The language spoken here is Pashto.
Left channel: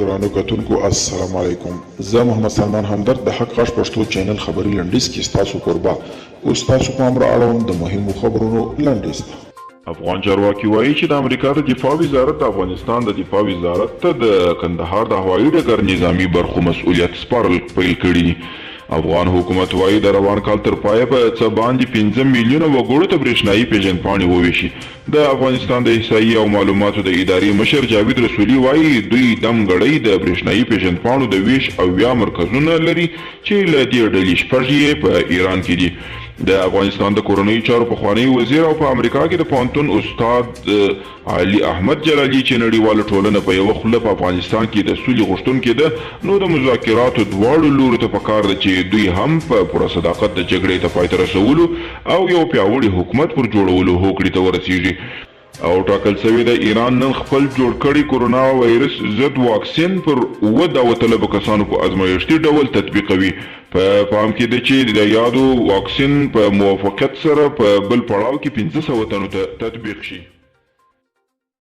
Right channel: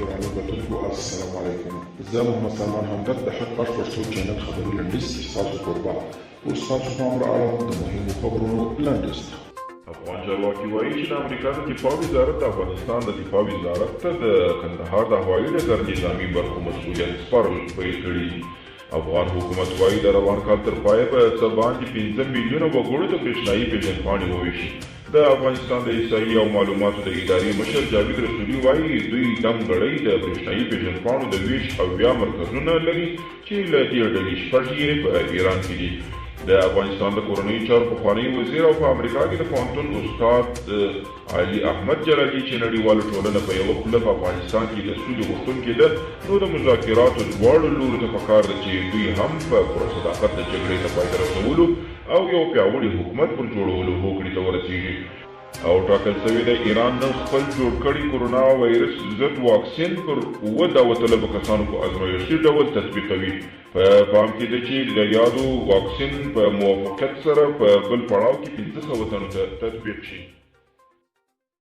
درانو کتونکو السلام علیکم. زه محمد سلمان همدرد د حق غږ پښتو چینل خبري لنډیز کې ستاسو کوربه اوس تاسو پام را اړوم د مهمو خبرونو لنډیز ته. افغان چارواکي وایي چې د امریکا د دفاع وزارت د افغانستان د دفاع وزارت ته د کندهار د هوایي ډګر نظامي برخو مسؤلیت سپارل پیل کړي دي. افغان حکومت وایي د روان کال تر پایه په څه باندې 15 میلیونه وګړو ته برېښنایي پیژندپاڼې وویشي. د افغانستان د احصایې او معلوماتو د ادارې مشر جاوید رسولي وایي دوی دم ګړۍ د برېښنایي پیژندپاڼو د ویش او بیا مرکزونه لري چې له دې ډلې شپږ یې په ایران کې دي. د افغانستان د کورنیو چارو پخوانی وزیر او په امریکا کې د پوهنتون استاد علي احمد جلالي چې نړیواله ټولنه په یوه خوله په افغانستان کې د سولې غوښتونکې ده، نو د مذاکراتو دواړو لورو ته پکار ده چې دوی هم په پوره صداقت د جګړې ته پای ته رسولو او یو پیاوړي حکومت پر جوړولو هوکړې ته ورسیږي. او ټاکل شوی د ایران نن خپل جوړ کړي کورونا وایرس ضد واکسین پر 70 کسانو په ازمایښتي ډول تطبیقوي. په پام کې ده چې د یادو واکسین په موافقت سره په بل پړاو کې 500 تنو ته تطبیق شي.